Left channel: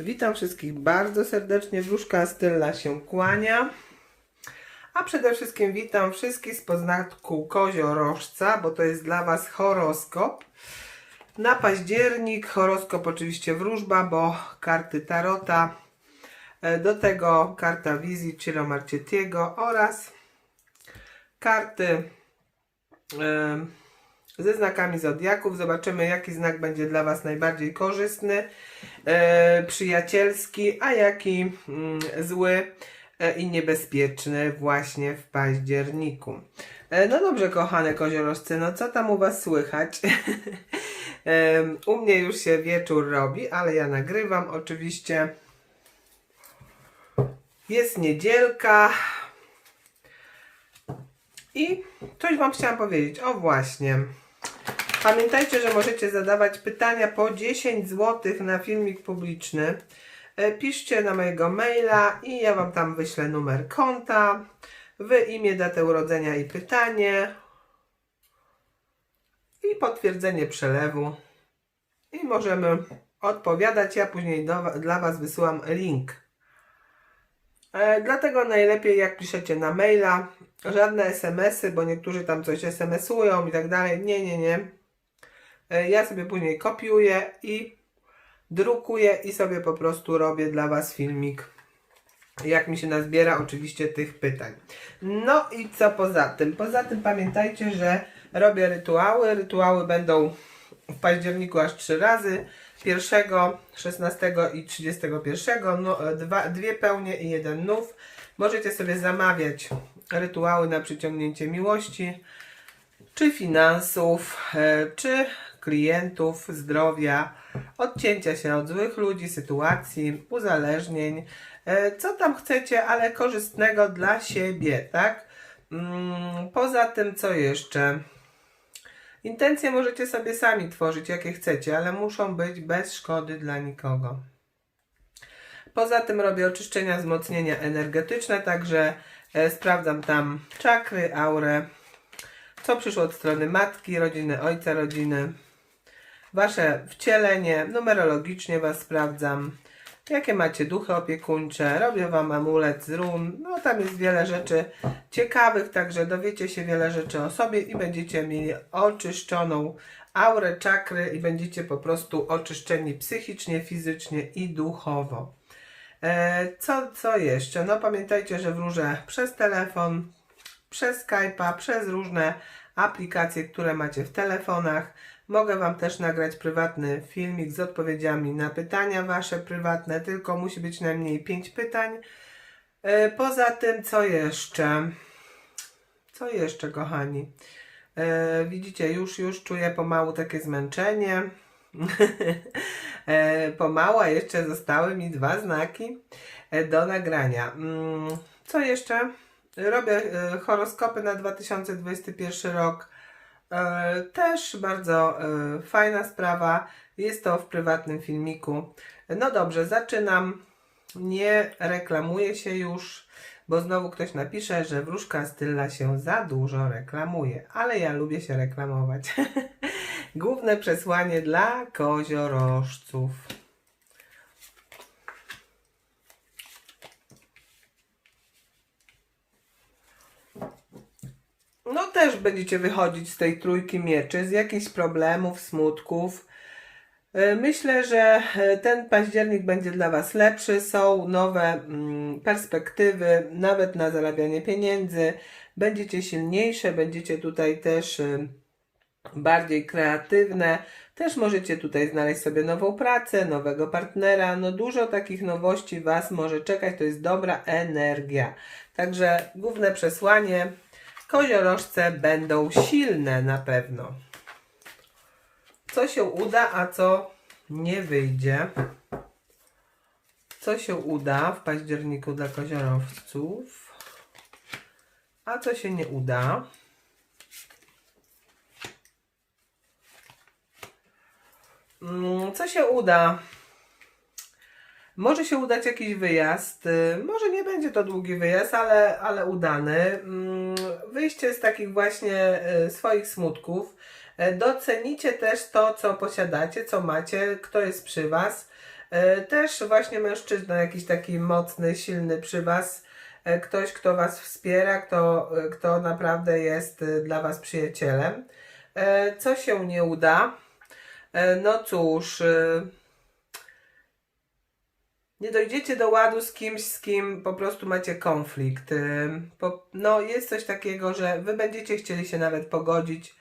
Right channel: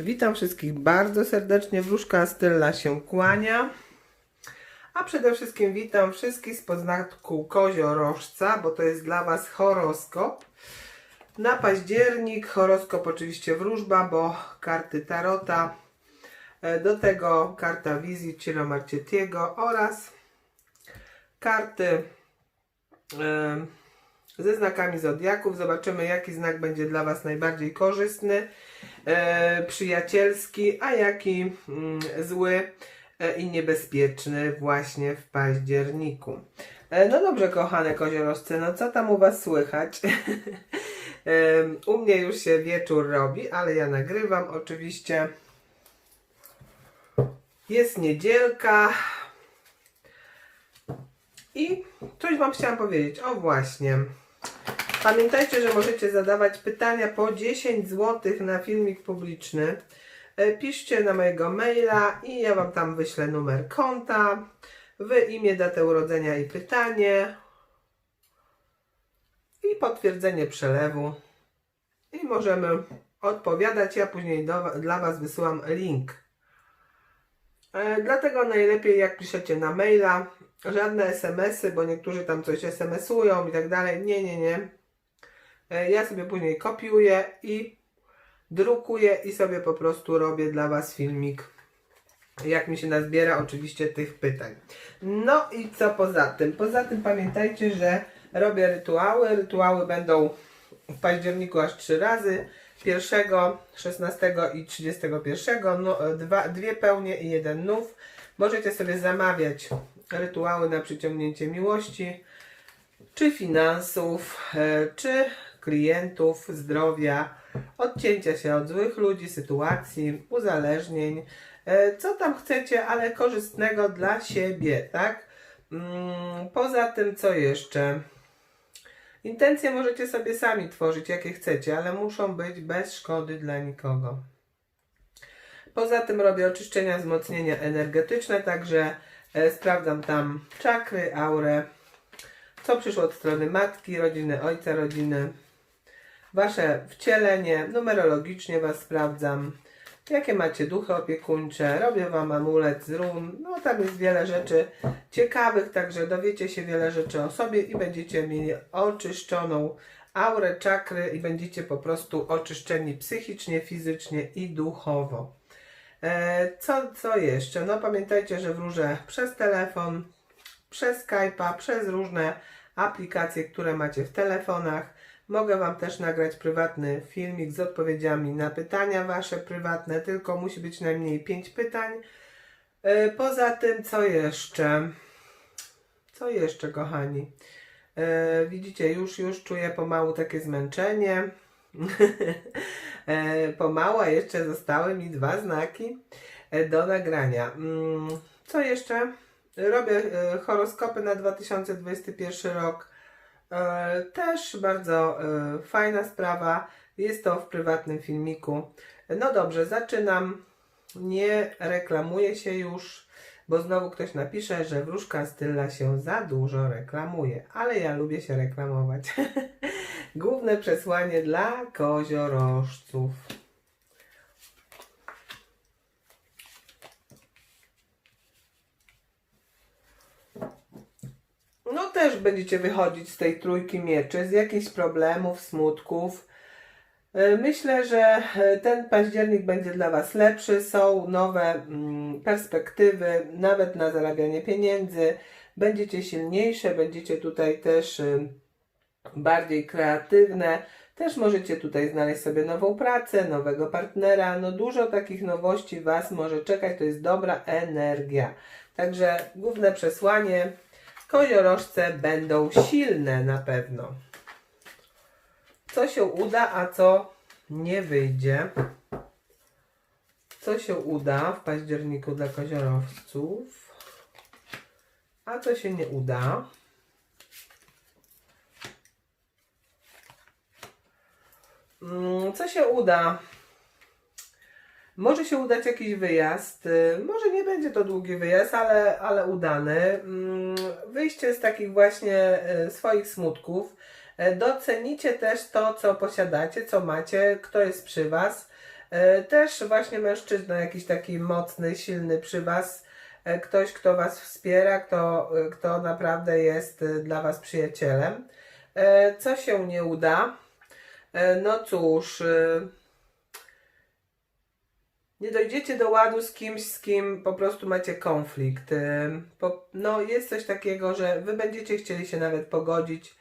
Witam wszystkich bardzo serdecznie. Wróżka Stella się kłania. A przede wszystkim witam wszystkich z poznatku koziorożca, bo to jest dla Was horoskop. Na październik horoskop oczywiście wróżba, bo karty Tarota. E, Do tego karta wizji Ciro Marchettiego oraz karty e, ze znakami zodiaków. Zobaczymy, jaki znak będzie dla Was najbardziej korzystny, e, przyjacielski, a jaki mm, zły e, i niebezpieczny właśnie w październiku. E, no dobrze, kochane koziorożce, no co tam u Was słychać? E, u mnie już się wieczór robi, ale ja nagrywam oczywiście. Jest niedzielka. I coś Wam chciałam powiedzieć. O właśnie. Pamiętajcie, że możecie zadawać pytania po 10 zł na filmik publiczny. E, Piszcie na mojego maila i ja Wam tam wyślę numer konta, Wy imię, datę urodzenia i pytanie i potwierdzenie przelewu i możemy odpowiadać. Ja później do, dla Was wysyłam link. E, dlatego najlepiej jak piszecie na maila, żadne SMS-y, bo niektórzy tam coś SMS-ują i tak dalej. Nie, nie, nie. E, ja sobie później kopiuję i drukuję i sobie po prostu robię dla Was filmik. Jak mi się nazbiera oczywiście tych pytań. No i co poza tym? Poza tym pamiętajcie, że robię rytuały. Rytuały będą w październiku aż trzy razy. 1, 16 i 31. No, dwa, dwie pełnie i jeden nów. Możecie sobie zamawiać rytuały na przyciągnięcie miłości, czy finansów, e, czy klientów, zdrowia, odcięcia się od złych ludzi, sytuacji, uzależnień, e, co tam chcecie, ale korzystnego dla siebie, tak? Mm, Poza tym, co jeszcze? Intencje możecie sobie sami tworzyć, jakie chcecie, ale muszą być bez szkody dla nikogo. Poza tym robię oczyszczenia, wzmocnienia energetyczne, także e, sprawdzam tam czakry, aurę, co przyszło od strony matki, rodziny, ojca, rodziny, wasze wcielenie, numerologicznie was sprawdzam, jakie macie duchy opiekuńcze, robię wam amulet z run, no tam jest wiele rzeczy ciekawych, także dowiecie się wiele rzeczy o sobie i będziecie mieli oczyszczoną aurę, czakry i będziecie po prostu oczyszczeni psychicznie, fizycznie i duchowo. E, co, co jeszcze? No pamiętajcie, że wróżę przez telefon, przez Skype'a, przez różne aplikacje, które macie w telefonach. Mogę Wam też nagrać prywatny filmik z odpowiedziami na pytania Wasze prywatne, tylko musi być najmniej 5 pytań. E, Poza tym, co jeszcze? Co jeszcze, kochani? E, widzicie, już, już czuję pomału takie zmęczenie. e, pomału, a jeszcze zostały mi dwa znaki do nagrania. Mm, co jeszcze? Robię horoskopy na 2021 rok. E, Też bardzo e, fajna sprawa. Jest to w prywatnym filmiku. No dobrze, zaczynam. Nie reklamuję się już, bo znowu ktoś napisze, że wróżka Stylla się za dużo reklamuje, ale ja lubię się reklamować. Główne przesłanie dla koziorożców. No też będziecie wychodzić z tej trójki mieczy, z jakichś problemów, smutków. E, Myślę, że e, ten październik będzie dla Was lepszy. Są nowe mm, perspektywy, nawet na zarabianie pieniędzy. Będziecie silniejsze, będziecie tutaj też y, bardziej kreatywne. Też możecie tutaj znaleźć sobie nową pracę, nowego partnera. No dużo takich nowości Was może czekać. To jest dobra energia. Także główne przesłanie. Koziorożce będą silne na pewno co się uda, a co nie wyjdzie. Co się uda w październiku dla koziorowców, a co się nie uda. Mm, Co się uda? Może się udać jakiś wyjazd. Może nie będzie to długi wyjazd, ale, ale udany. Wyjście z takich właśnie y, swoich smutków. E, Docenicie też to, co posiadacie, co macie, kto jest przy Was. E, Też właśnie mężczyzna, jakiś taki mocny, silny przy Was, e, ktoś, kto Was wspiera, kto, e, kto naprawdę jest e, dla Was przyjacielem. E, Co się nie uda? E, No cóż, e, nie dojdziecie do ładu z kimś, z kim po prostu macie konflikt. Po, no, jest coś takiego, że wy będziecie chcieli się nawet pogodzić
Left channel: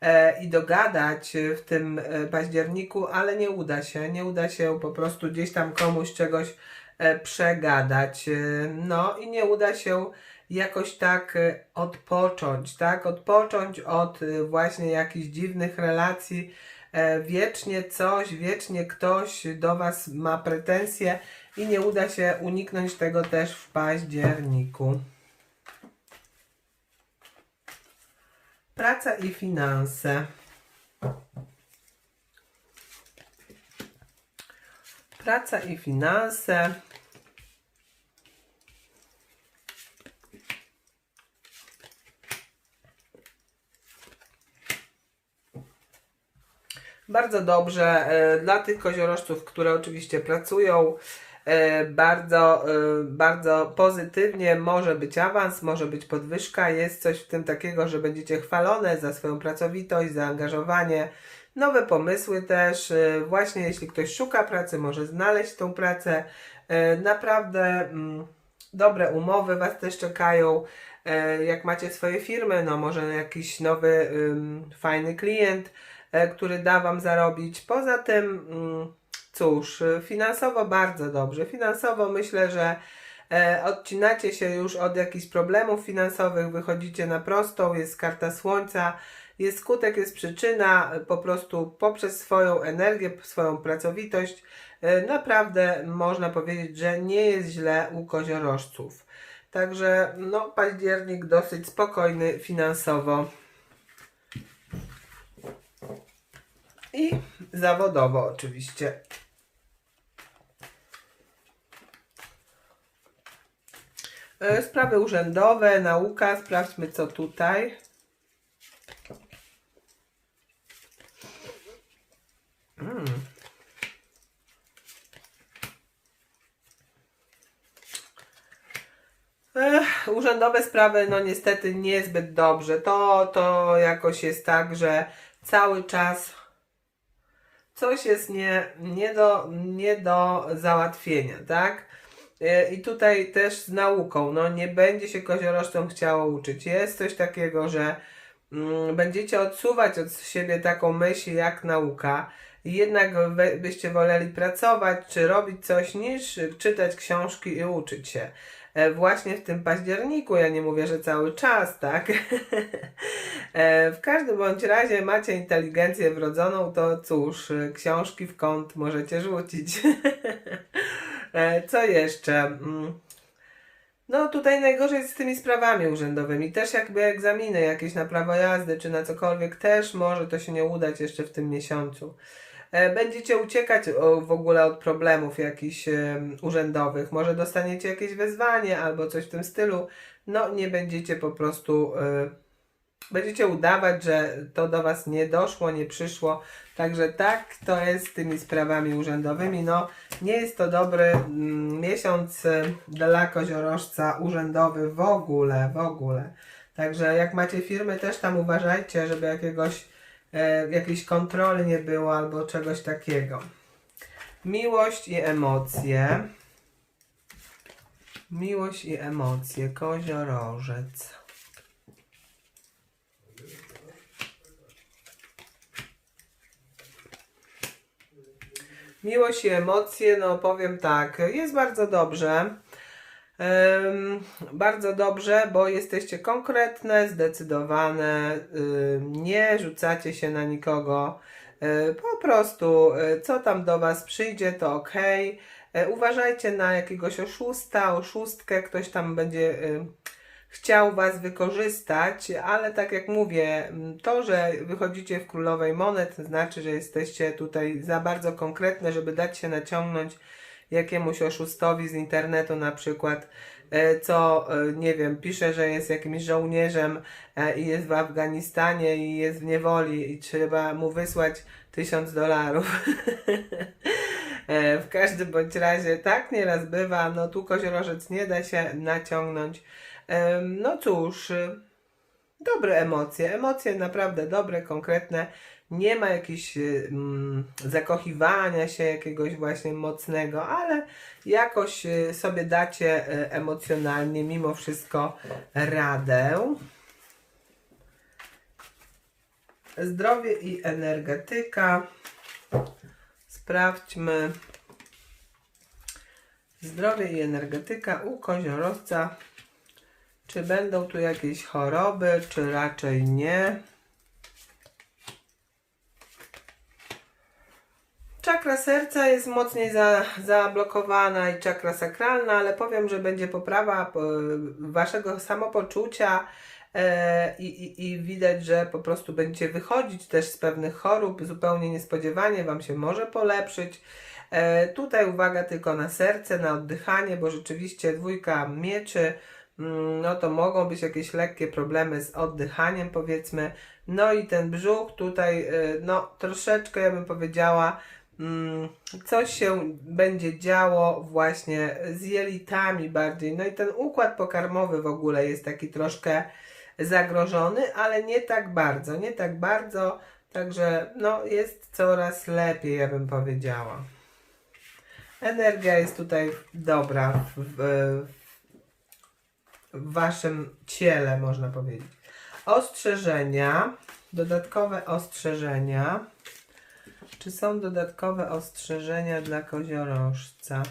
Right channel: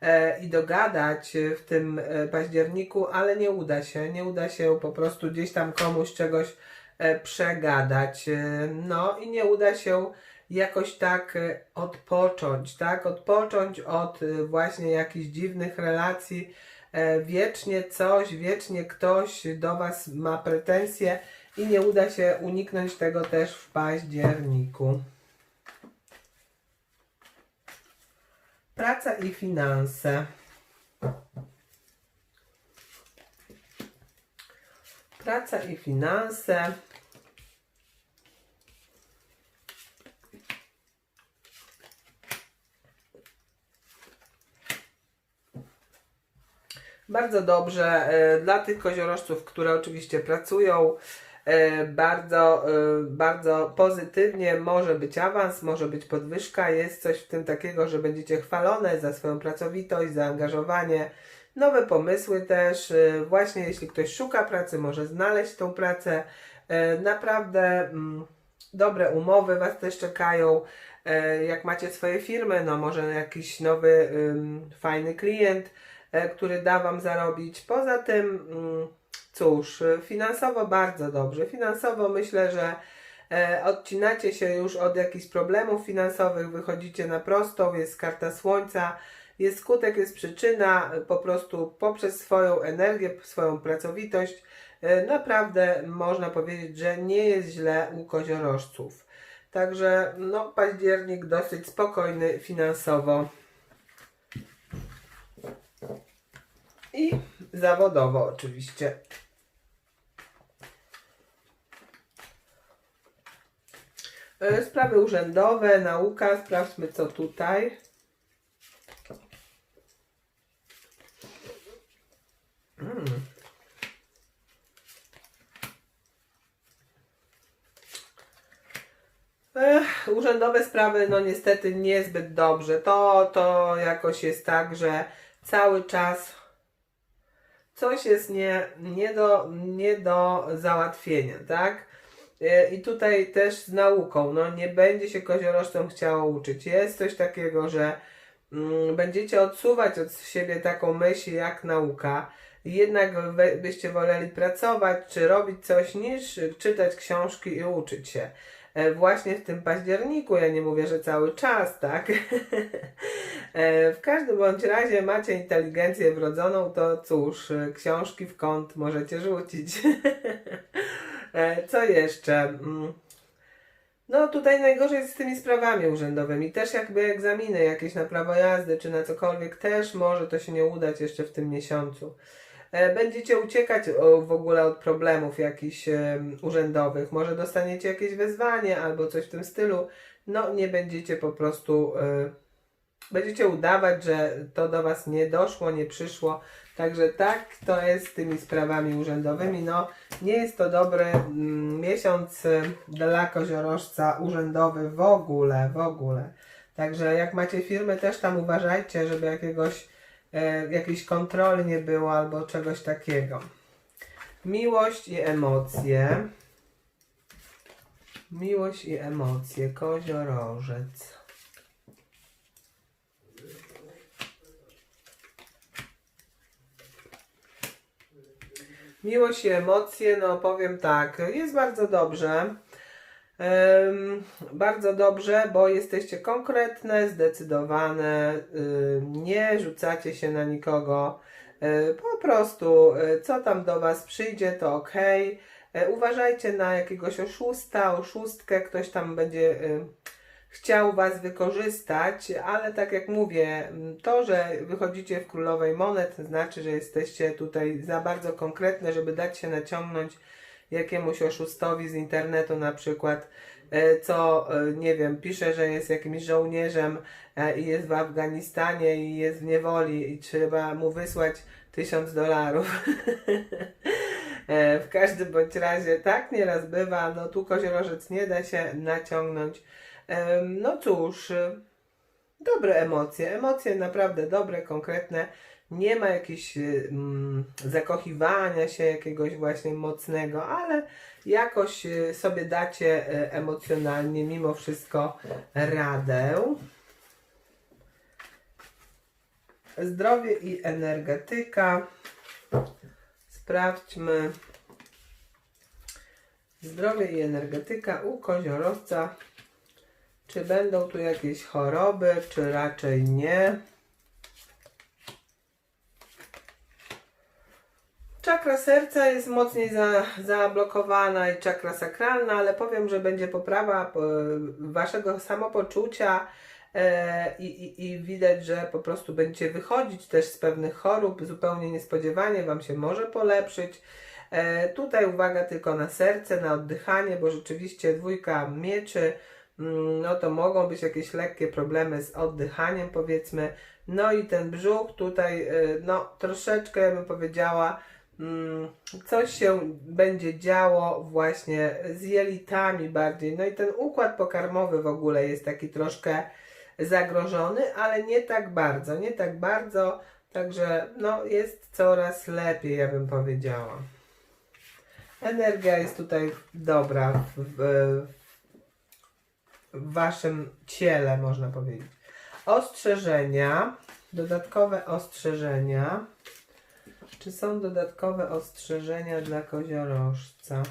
e, i dogadać e, w tym e, październiku, ale nie uda się. Nie uda się po prostu gdzieś tam komuś czegoś e, przegadać. E, no i nie uda się jakoś tak odpocząć, tak? Odpocząć od właśnie jakichś dziwnych relacji. Wiecznie coś, wiecznie ktoś do Was ma pretensje i nie uda się uniknąć tego też w październiku. Praca i finanse. Praca i finanse. Bardzo dobrze e, dla tych koziorożców, które oczywiście pracują. E, Bardzo, e, bardzo pozytywnie może być awans, może być podwyżka. Jest coś w tym takiego, że będziecie chwalone za swoją pracowitość, zaangażowanie, nowe pomysły też. e, Właśnie jeśli ktoś szuka pracy, może znaleźć tą pracę. Naprawdę mm, dobre umowy Was też czekają. Jak macie swoje firmy, no może jakiś nowy fajny klient który da Wam zarobić. Poza tym, mm, cóż, finansowo bardzo dobrze. Finansowo myślę, że e, odcinacie się już od jakichś problemów finansowych, wychodzicie na prostą, jest karta słońca, jest skutek, jest przyczyna, po prostu poprzez swoją energię, swoją pracowitość, e, naprawdę można powiedzieć, że nie jest źle u koziorożców. Także no, październik dosyć spokojny finansowo. I zawodowo oczywiście. Sprawy urzędowe, nauka, sprawdźmy co tutaj. Mm. Ech, urzędowe sprawy, no niestety niezbyt dobrze. To, to jakoś jest tak, że cały czas coś jest nie, nie, do, nie do załatwienia, tak? E, I tutaj też z nauką, no nie będzie się koziorożcom chciało uczyć. Jest coś takiego, że mm, będziecie odsuwać od siebie taką myśl jak nauka. Jednak byście woleli pracować czy robić coś niż czytać książki i uczyć się. E, Właśnie w tym październiku, ja nie mówię, że cały czas, tak? E, W każdym bądź razie macie inteligencję wrodzoną, to cóż, książki w kąt możecie rzucić. E, Co jeszcze? Mm. No tutaj najgorzej jest z tymi sprawami urzędowymi. Też jakby egzaminy jakieś na prawo jazdy czy na cokolwiek też może to się nie udać jeszcze w tym miesiącu. E, Będziecie uciekać w ogóle od problemów jakichś urzędowych. Może dostaniecie jakieś wezwanie albo coś w tym stylu. No nie będziecie po prostu... e, Będziecie udawać, że to do Was nie doszło, nie przyszło. Także tak to jest z tymi sprawami urzędowymi. No, nie jest to dobry mm, miesiąc y, dla koziorożca urzędowy w ogóle, w ogóle. Także jak macie firmy, też tam uważajcie, żeby jakiegoś, e, jakiejś kontroli nie było albo czegoś takiego. Miłość i emocje. Miłość i emocje. Koziorożec. Miłość i emocje, no powiem tak, jest bardzo dobrze. Em, bardzo dobrze, bo jesteście konkretne, zdecydowane, ym, nie rzucacie się na nikogo. Y, po prostu, y, co tam do Was przyjdzie, to ok. Uważajcie na jakiegoś oszusta, oszustkę, ktoś tam będzie y, chciał Was wykorzystać, ale tak jak mówię, to, że wychodzicie w królowej monet, znaczy, że jesteście tutaj za bardzo konkretne, żeby dać się naciągnąć jakiemuś oszustowi z internetu na przykład, e, co, e, nie wiem, pisze, że jest jakimś żołnierzem e, i jest w Afganistanie i jest w niewoli i trzeba mu wysłać tysiąc dolarów. W każdym bądź razie tak nieraz bywa, no tu koziorożec nie da się naciągnąć. No cóż, y, dobre emocje, emocje naprawdę dobre, konkretne. Nie ma jakichś y, mm, zakochiwania się jakiegoś właśnie mocnego, ale jakoś y, sobie dacie emocjonalnie mimo wszystko radę. Zdrowie i energetyka. Sprawdźmy. Zdrowie i energetyka u koziorowca. Czy będą tu jakieś choroby, czy raczej nie? Czakra serca jest mocniej za, zablokowana i czakra sakralna, ale powiem, że będzie poprawa e, waszego samopoczucia e, i, i, i widać, że po prostu będziecie wychodzić też z pewnych chorób zupełnie niespodziewanie, wam się może polepszyć. E, tutaj uwaga tylko na serce, na oddychanie, bo rzeczywiście dwójka mieczy, no to mogą być jakieś lekkie problemy z oddychaniem powiedzmy. No i ten brzuch tutaj, e, no troszeczkę ja bym powiedziała, mm, coś się będzie działo właśnie z jelitami bardziej. No i ten układ pokarmowy w ogóle jest taki troszkę zagrożony, ale nie tak bardzo, nie tak bardzo, także no jest coraz lepiej, ja bym powiedziała. Energia jest tutaj dobra w, w, w waszym ciele, można powiedzieć. Ostrzeżenia, dodatkowe ostrzeżenia. Czy są dodatkowe ostrzeżenia dla koziorożca?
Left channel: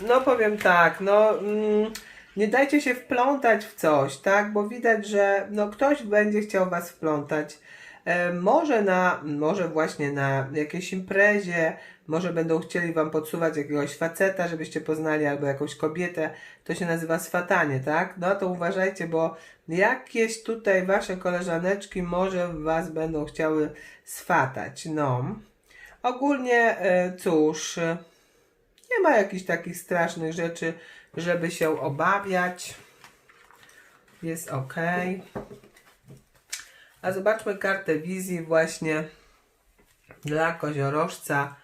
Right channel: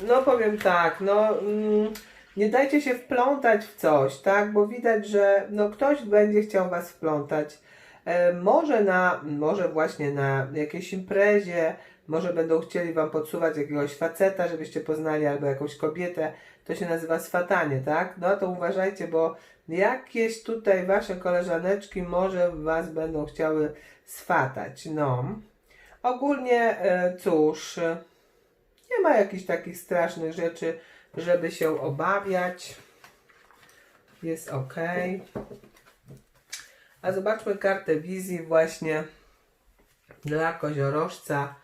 No powiem tak, no mm, nie dajcie się wplątać w coś, tak? Bo widać, że no, ktoś będzie chciał was wplątać. E, może na, może właśnie na jakiejś imprezie, może będą chcieli wam podsuwać jakiegoś faceta, żebyście poznali, albo jakąś kobietę. To się nazywa swatanie, tak? No to uważajcie, bo jakieś tutaj wasze koleżaneczki może was będą chciały swatać. No. Ogólnie, e, cóż, nie ma jakichś takich strasznych rzeczy, żeby się obawiać. Jest ok. A zobaczmy kartę wizji właśnie dla koziorożca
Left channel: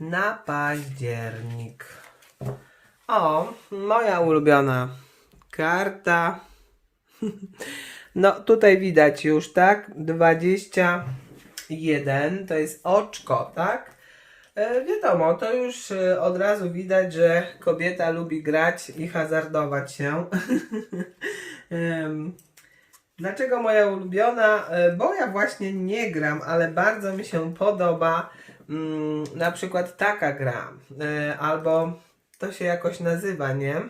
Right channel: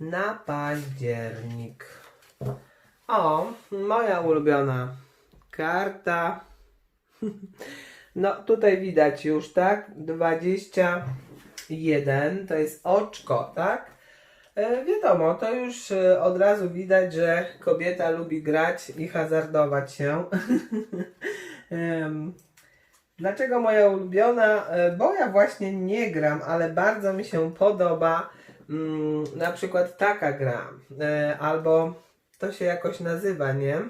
na październik. O, moja ulubiona karta. No, tutaj widać już, tak? 21 to jest oczko, tak? E, wiadomo, to już e, od razu widać, że kobieta lubi grać i hazardować się. Dlaczego moja ulubiona? E, Bo ja właśnie nie gram, ale bardzo mi się podoba mm, na przykład taka gra. E, Albo to się jakoś nazywa, nie?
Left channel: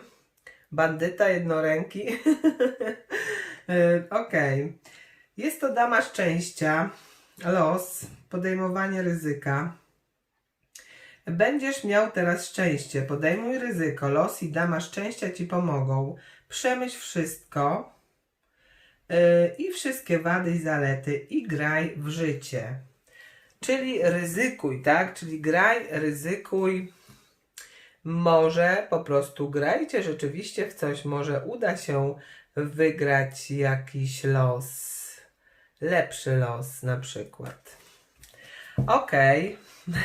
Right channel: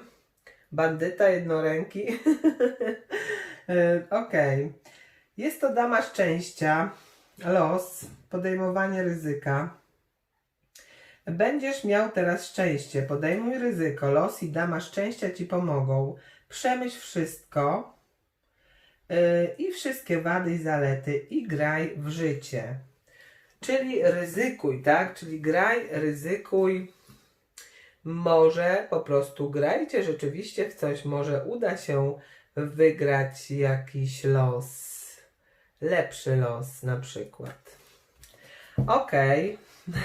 Bandyta jednoręki. E, Okej. Jest to dama szczęścia, los, podejmowanie ryzyka. Będziesz miał teraz szczęście. Podejmuj ryzyko. Los i dama szczęścia ci pomogą. Przemyśl wszystko i wszystkie wady i zalety i graj w życie. Czyli ryzykuj, tak? Czyli graj, ryzykuj. Może po prostu grajcie rzeczywiście w coś. Może uda się wygrać jakiś los. Lepszy los na przykład. Okej.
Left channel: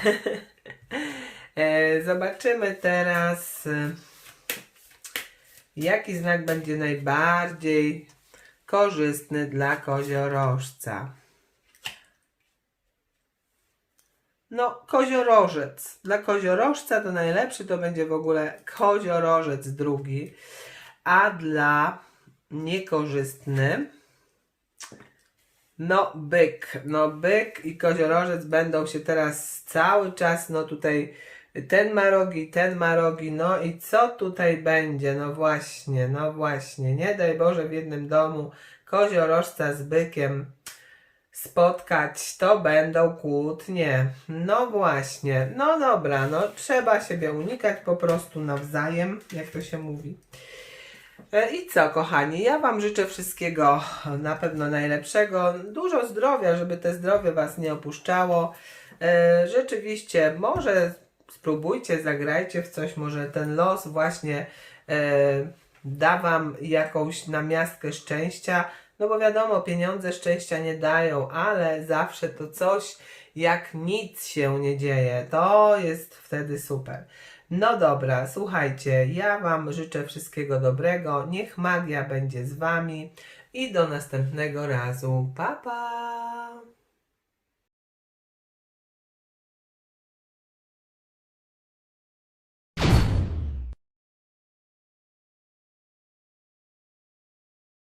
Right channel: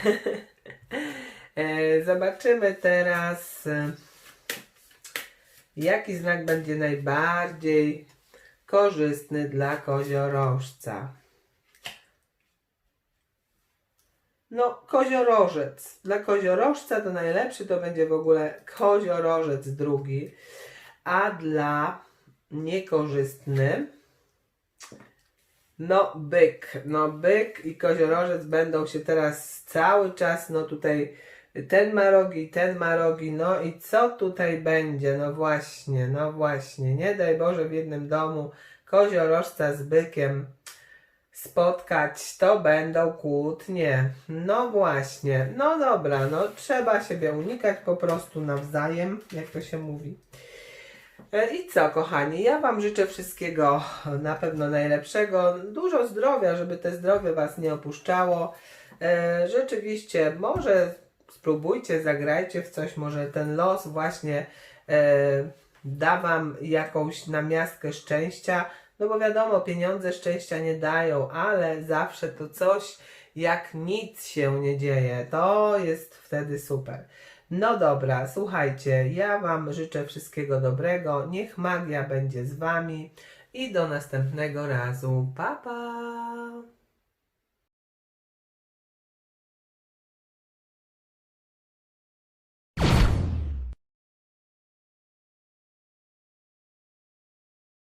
E, Zobaczymy teraz, e, jaki znak będzie najbardziej korzystny dla koziorożca. No, koziorożec. Dla koziorożca to najlepszy to będzie w ogóle koziorożec drugi, a dla niekorzystny no, byk. No, byk i koziorożec będą się teraz cały czas, no tutaj ten ma rogi, ten ma rogi, no i co tutaj będzie? No właśnie, no właśnie. Nie daj Boże w jednym domu koziorożca z bykiem spotkać, to będą kłótnie. No właśnie. No dobra, no trzeba siebie unikać po prostu nawzajem, jak to się mówi. E, I co, kochani, ja Wam życzę wszystkiego na pewno najlepszego. Dużo zdrowia, żeby te zdrowie Was nie opuszczało. E, Rzeczywiście, może spróbujcie, zagrajcie w coś, może ten los właśnie e, da Wam jakąś namiastkę szczęścia. No bo wiadomo, pieniądze szczęścia nie dają, ale zawsze to coś, jak nic się nie dzieje. To jest wtedy super. No dobra, słuchajcie, ja Wam życzę wszystkiego dobrego. Niech magia będzie z Wami i do następnego razu. Pa, pa!